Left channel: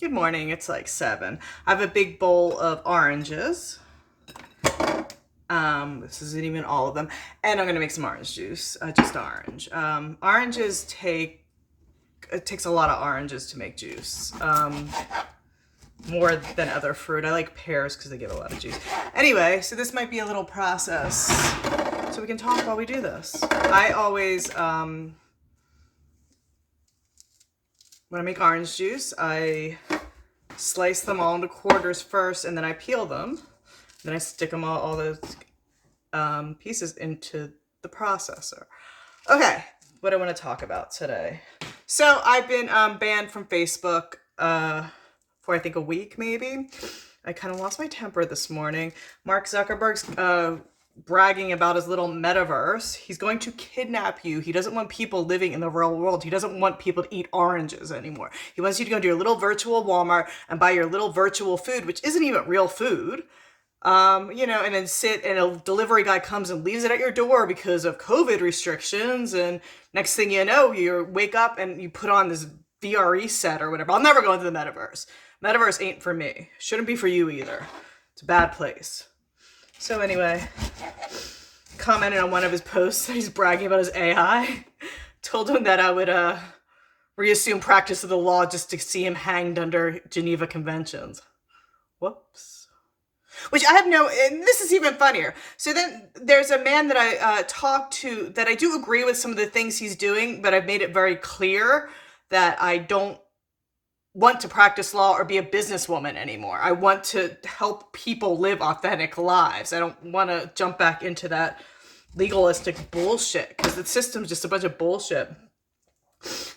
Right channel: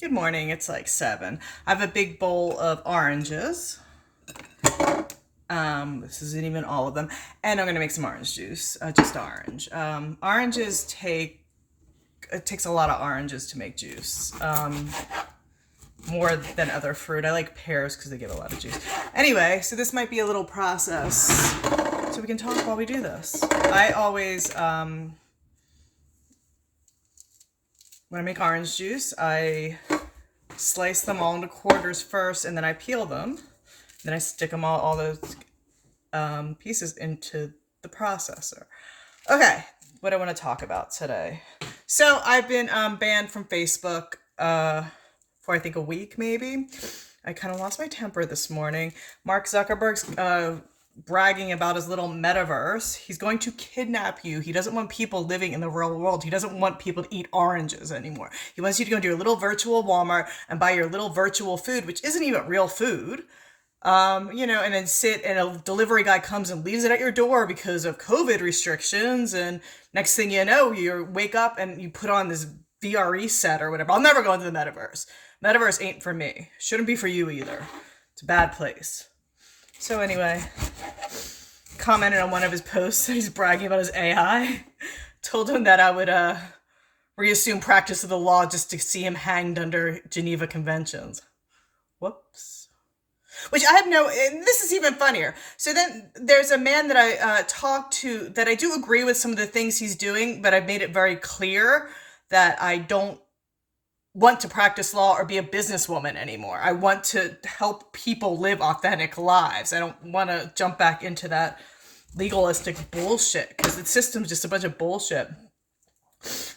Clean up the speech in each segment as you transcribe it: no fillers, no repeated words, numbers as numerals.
Good morning. It's like 7. I have a big bowl of oranges. This isn't even all of them. And I'm gonna make some orange juice, just orange. Oranges it takes a lot of oranges to make juice. More than other fruit. I like pears because they give a lot of juice. Anyway, so this might be a little process. So we can talk while we do this. I always, when I make orange juice, I slice them all into quarters first, and then I peel them. Then I stick them all those pieces into the processor. Okay, what I want to talk about today. So I've been banned from Facebook for I think a week maybe. I kind of lost my temper this morning. Mark Zuckerberg's bragging about his little metaverse. He's going to kidnap you. He doesn't want people living in the real world. He doesn't want people to eat oranges anymore. He wants you to go to your little virtual Walmart and buy your little virtual food, which isn't even real food. And then sit and a delivery guy comes and leaves it at your door because of COVID restrictions. And next thing you know, you wake up and you put on this VRE set or whatever. I'll never go into the metaverse. Metaverse ain't for me. Shouldn't be for you either. It's a bad place. So anyway, commented on one of his posts. He's bragging about his AI. Told him that I would reassume practice of the law just to see him hanged under Geneva Conventions. Whoops. Which I have and this is even funnier. So then there's a man that I talked to that I do agree with some of the things he's doing, but I've made it very clear that I don't want to practice law or be a businesswoman anymore. I want to help people live authentic lives. I don't want to jump back into that legalistic bullshit because the system's just a bunch of bullshit.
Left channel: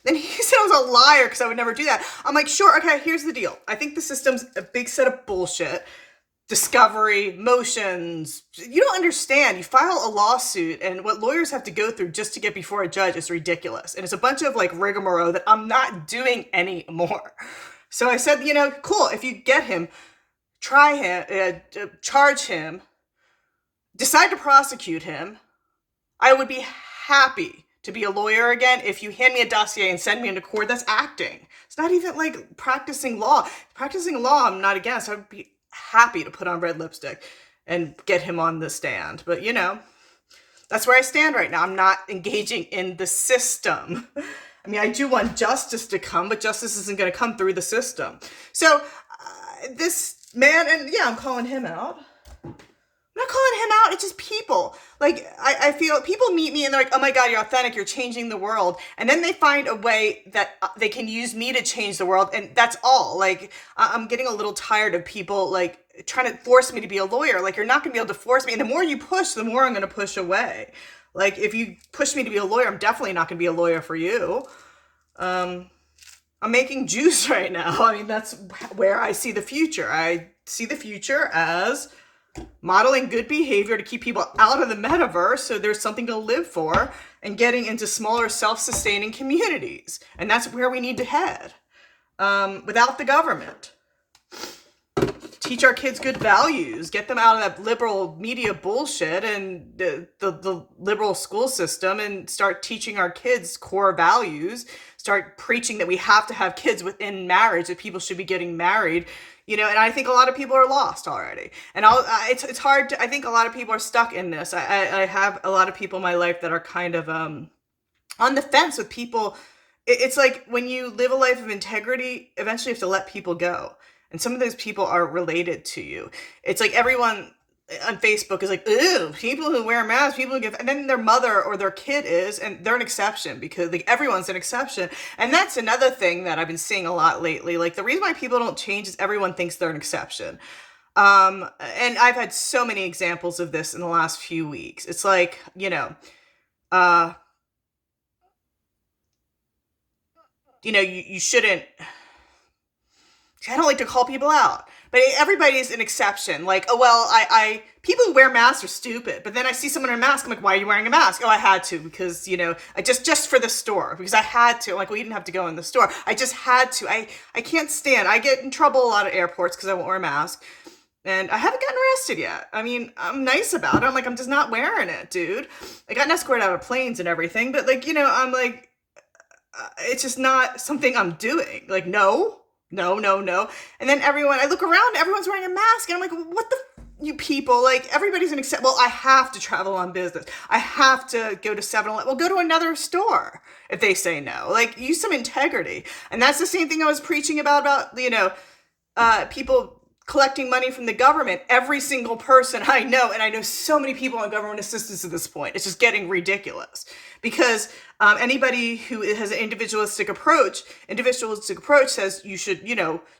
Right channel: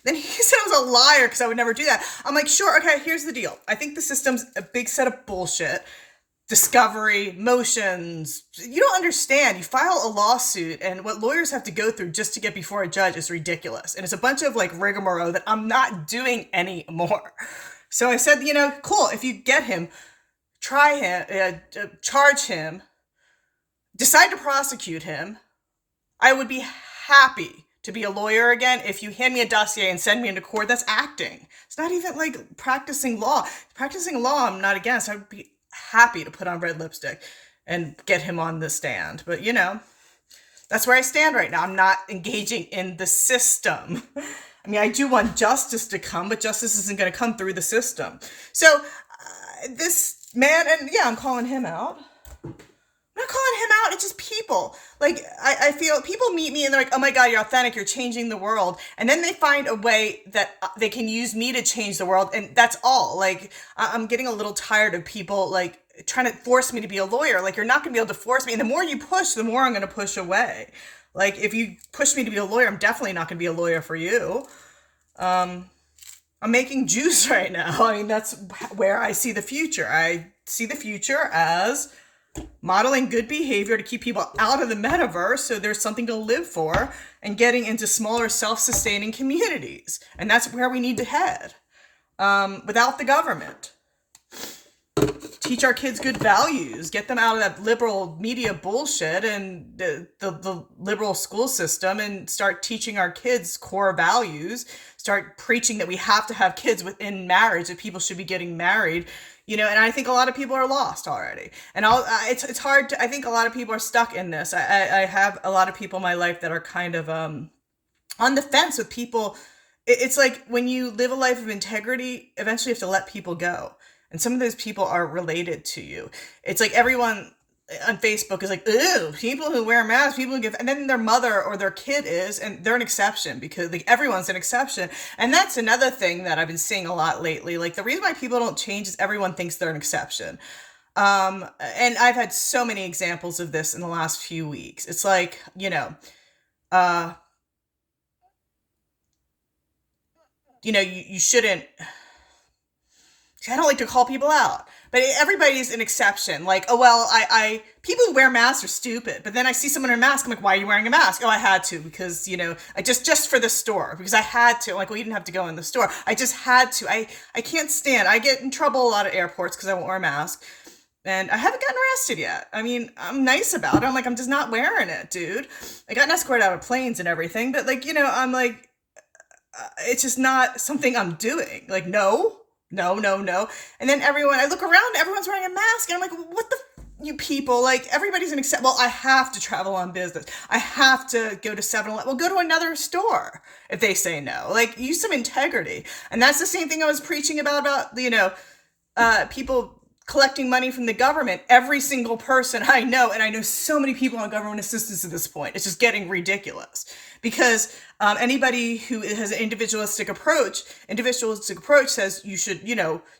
Then he said I was a liar because I would never do that. I'm like, sure, okay, here's the deal. I think the system's a big set of bullshit. Discovery, motions. You don't understand. You file a lawsuit and what lawyers have to go through just to get before a judge is ridiculous. And it's a bunch of like rigmarole that I'm not doing anymore. So I said, cool, if you get him, try him, charge him, decide to prosecute him, I would be happy to be a lawyer again. If you hand me a dossier and send me into court, that's acting. It's not even like practicing law. Practicing law, I'm not against. I would be happy to put on red lipstick and get him on the stand. But, that's where I stand right now. I'm not engaging in the system. I mean, I do want justice to come, but justice isn't going to come through the system. So this man, and yeah, I'm calling him out. I'm not calling him out. It's just people. Like, I feel people meet me and they're like, oh my God, you're authentic. You're changing the world. And then they find a way that they can use me to change the world. And that's all. Like, I'm getting a little tired of people like trying to force me to be a lawyer. Like, you're not going to be able to force me. And the more you push, the more I'm going to push away. Like, if you push me to be a lawyer, I'm definitely not going to be a lawyer for you. I'm making juice right now. I mean, that's where I see the future. I see the future as modeling good behavior to keep people out of the metaverse so there's something to live for and getting into smaller self-sustaining communities. And that's where we need to head without the government. Teach our kids good values, get them out of that liberal media bullshit and the liberal school system and start teaching our kids core values, start preaching that we have to have kids within marriage, that people should be getting married. And I think a lot of people are lost already. And it's hard to, I think a lot of people are stuck in this. I have a lot of people in my life that are kind of on the fence with people. It's like when you live a life of integrity, eventually you have to let people go. And some of those people are related to you. It's like everyone on Facebook is like, ooh, people who wear masks, people who give, and then their mother or their kid is, and they're an exception because like everyone's an exception. And that's another thing that I've been seeing a lot lately. Like the reason why people don't change is everyone thinks they're an exception. And I've had so many examples of this in the last few weeks. It's like, you shouldn't, I don't like to call people out, but everybody's an exception. Like, oh, well, people who wear masks are stupid. But then I see someone in a mask. I'm like, why are you wearing a mask? Oh, I had to because, I just for the store because I had to. I'm like, well, you didn't have to go in the store. I just had to. I can't stand. I get in trouble a lot at airports because I won't wear a mask. And I haven't gotten arrested yet. I mean, I'm nice about it. I'm like, I'm just not wearing it, dude. I got escorted out of planes and everything. But like, I'm like, it's just not something I'm doing. Like, no. No, no, no. And then I look around, everyone's wearing a mask. And I'm like, what the, you people? Like, everybody's an exception. Well, I have to travel on business. I have to go to 7-Eleven. Well, go to another store if they say no. Like, use some integrity. And that's the same thing I was preaching about, people collecting money from the government. Every single person I know, and I know so many people on government assistance at this point, it's just getting ridiculous. Because anybody who has an individualistic approach says you should,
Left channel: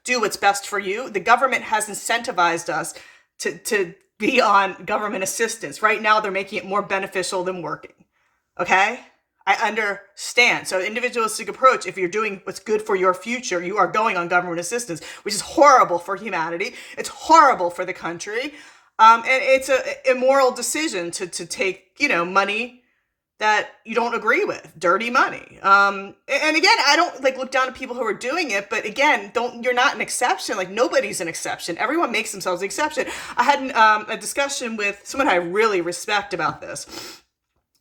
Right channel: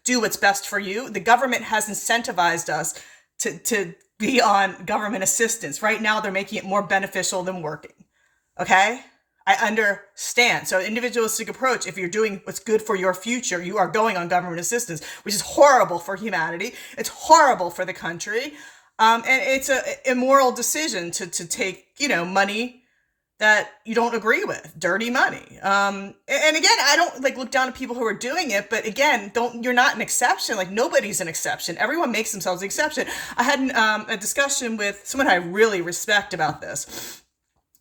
do what's best for you. The government has incentivized us to be on government assistance. Right now, they're making it more beneficial than working. Okay? I understand. So individualistic approach, if you're doing what's good for your future, you are going on government assistance, which is horrible for humanity. It's horrible for the country. And it's an immoral decision to take, money that you don't agree with, dirty money. And again, I don't look down at people who are doing it, but again, you're not an exception. Like, nobody's an exception. Everyone makes themselves an exception. I had a discussion with someone I really respect about this.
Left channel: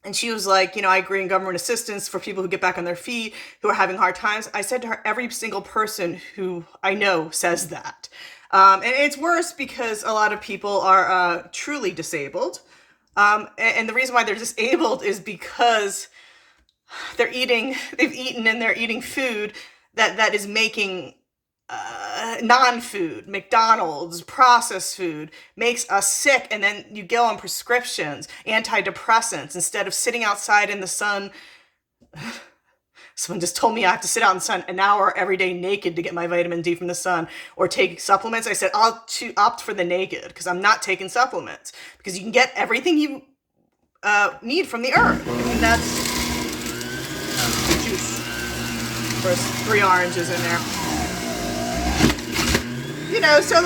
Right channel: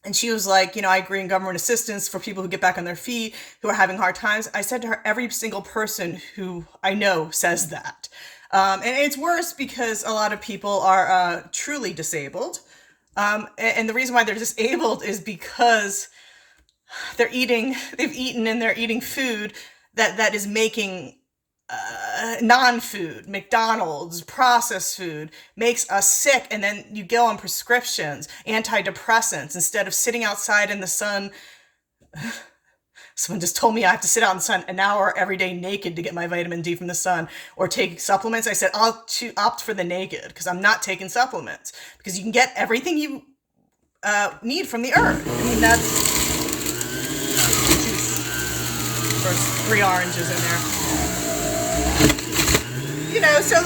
And she was like, I agree in government assistance for people who get back on their feet, who are having hard times. I said to her, every single person who I know says that. And it's worse because a lot of people are truly disabled. And the reason why they're disabled is because they've eaten and they're eating food that is making non-food, McDonald's, processed food, makes us sick. And then you go on prescriptions, antidepressants, instead of sitting outside in the sun. Someone just told me I have to sit out in the sun an hour every day naked to get my vitamin D from the sun, or take supplements. I said, I'll opt for the naked, because I'm not taking supplements, because you can get everything you need from the earth. I mean, that's first 3 oranges in there. So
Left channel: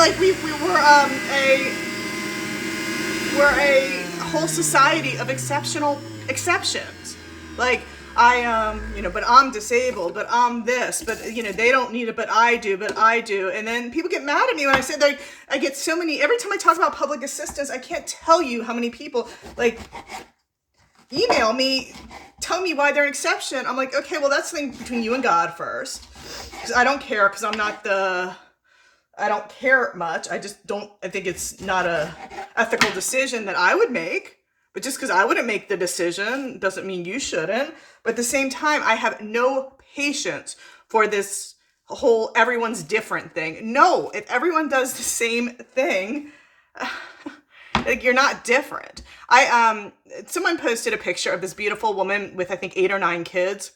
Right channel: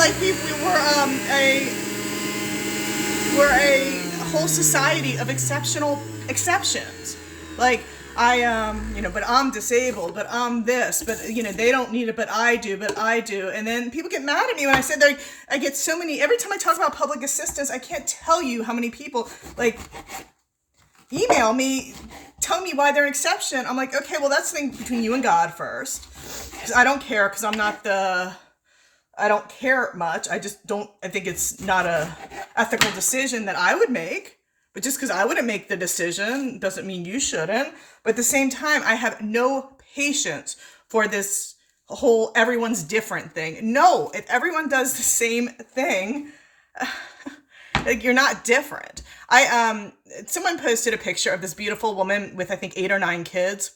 we're a whole society of exceptions. Like, but I'm disabled, but I'm this, but they don't need it, but I do. And then people get mad at me when I say I get so many, every time I talk about public assistance, I can't tell you how many people email me, tell me why they're an exception. I'm like, okay, well, that's the thing between you and God first. Because I don't care, because I don't care much. I think it's not a ethical decision that I would make. But just because I wouldn't make the decision doesn't mean you shouldn't. But at the same time, I have no patience for this whole everyone's different thing. No, if everyone does the same thing, you're not different. Someone posted a picture of this beautiful woman with, I think, 8 or 9 kids.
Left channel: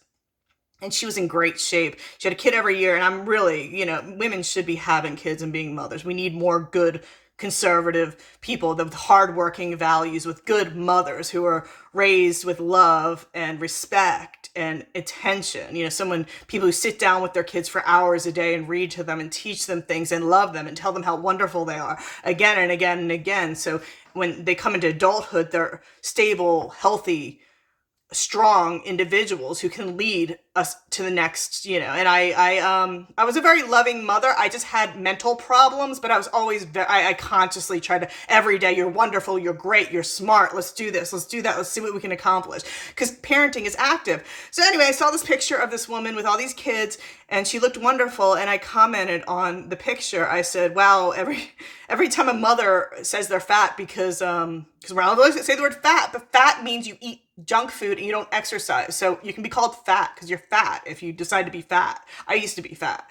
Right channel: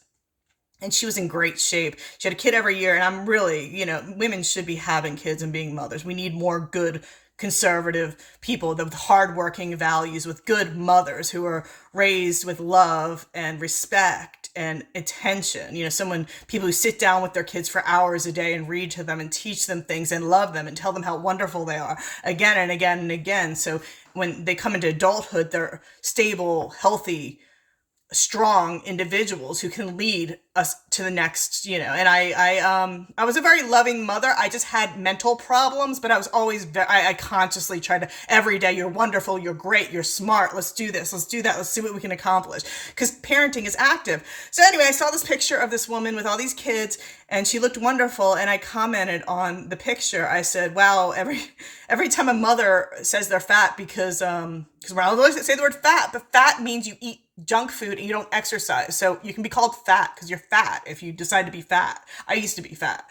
And she was in great shape. She had a kid every year. And I'm really, women should be having kids and being mothers. We need more good conservative people with hardworking values, with good mothers who are raised with love and respect and attention. People who sit down with their kids for hours a day and read to them and teach them things and love them and tell them how wonderful they are again and again and again. So when they come into adulthood, they're stable, healthy, strong individuals who can lead us to the next, and I was a very loving mother. I just had mental problems, but I was always I consciously tried to, every day, you're wonderful, you're great, you're smart, let's do this, let's do that, let's see what we can accomplish, because parenting is active. So anyway, I saw this picture of this woman with all these kids, and she looked wonderful, and I commented on the picture. I said, wow, every time a mother says they're fat, because we're not always say the word fat, but fat means you eat junk food and you don't exercise. So you can be called fat because you're fat if you decide to be fat. I used to be fat.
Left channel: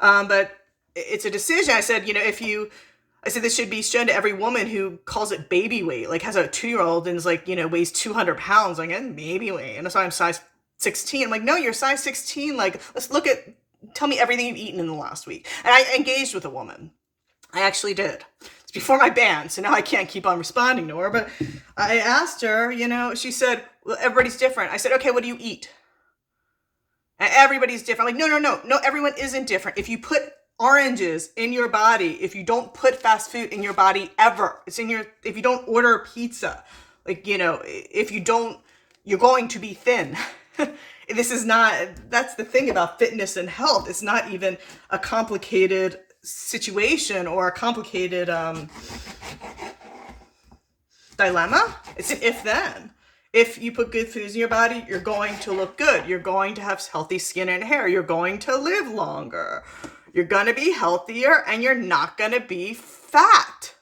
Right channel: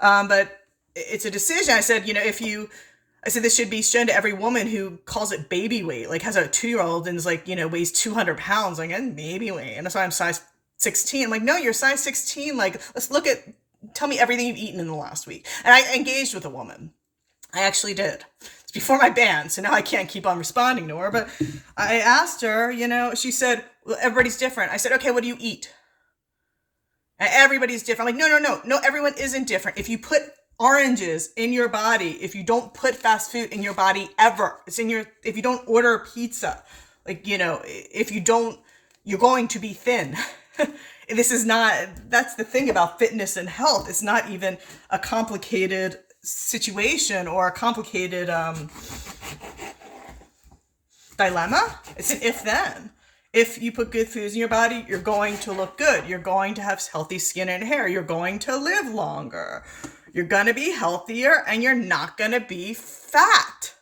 But it's a decision. I said, this should be shown to every woman who calls it baby weight, like has a 2-year-old and is weighs 200 pounds, baby weight. And that's why I'm size 16. I'm like, no, you're size 16. Let's tell me everything you've eaten in the last week. And I engaged with a woman. I actually did. It's before my ban, so now I can't keep on responding to her. But I asked her, she said, well, everybody's different. I said, okay, what do you eat? And everybody's different. I'm like, no, everyone isn't different. If you put oranges in your body, if you don't put fast food in your body ever, if you don't order pizza, if you don't, you're going to be thin. That's the thing about fitness and health. It's not even a complicated situation or a complicated dilemma. It's an if-then. If you put good foods in your body, you're going to look good. You're going to have healthy skin and hair. You're going to live longer. You're going to be healthier and you're not going to be fat.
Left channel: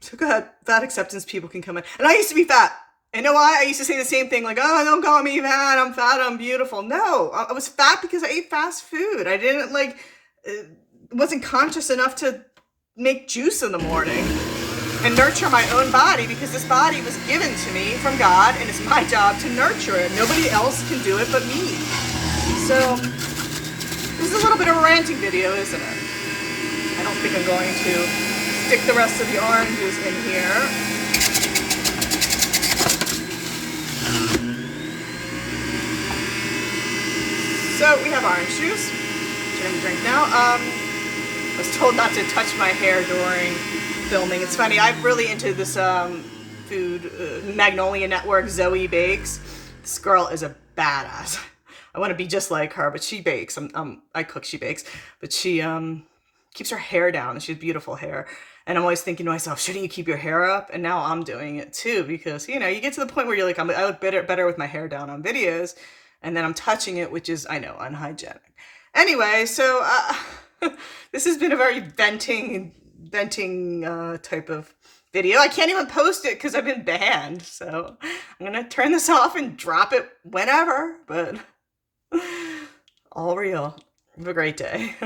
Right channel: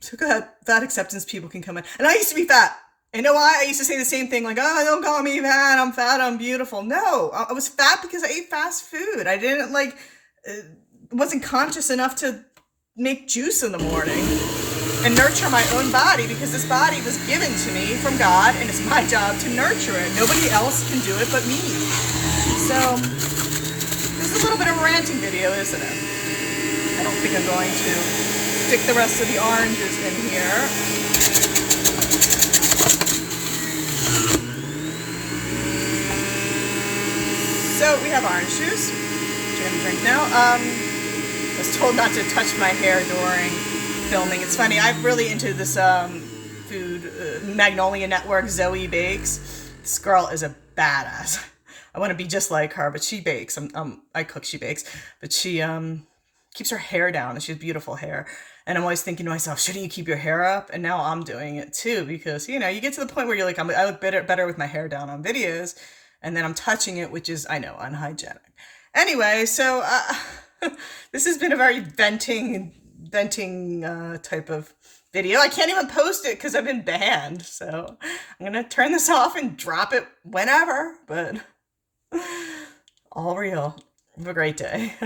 So go ahead, fat acceptance people can come in. And I used to be fat. You know why? I used to say the same thing, like, oh, don't call me fat, I'm beautiful. No, I was fat because I ate fast food. I didn't wasn't conscious enough to make juice in the morning and nurture my own body, because this body was given to me from God and it's my job to nurture it. Nobody else can do it but me. So this is a little bit of a ranting video, isn't it? I don't think I'm going to stick the rest of the oranges in here. So we have orange juice, which I'm going to drink now. I was told not to touch my hair during filming. It's funny, I'm really into this food, Magnolia Network, Zoe Bakes. This girl is a badass. I want to be just like her, but she bakes. I cook, she bakes. But she keeps her hair down, and she has beautiful hair. And I'm always thinking to myself, shouldn't you keep your hair up? And now I'm doing it too, because, you know, you get to the point where you're like, I look better with my hair down on videos. And then I'm touching it, which is, I know, unhygienic. Anyway, so this has been a very venting type of video. I can't even post it because I've been banned. So I'm going to turn this off and drop it whenever. But all real. Have a great day.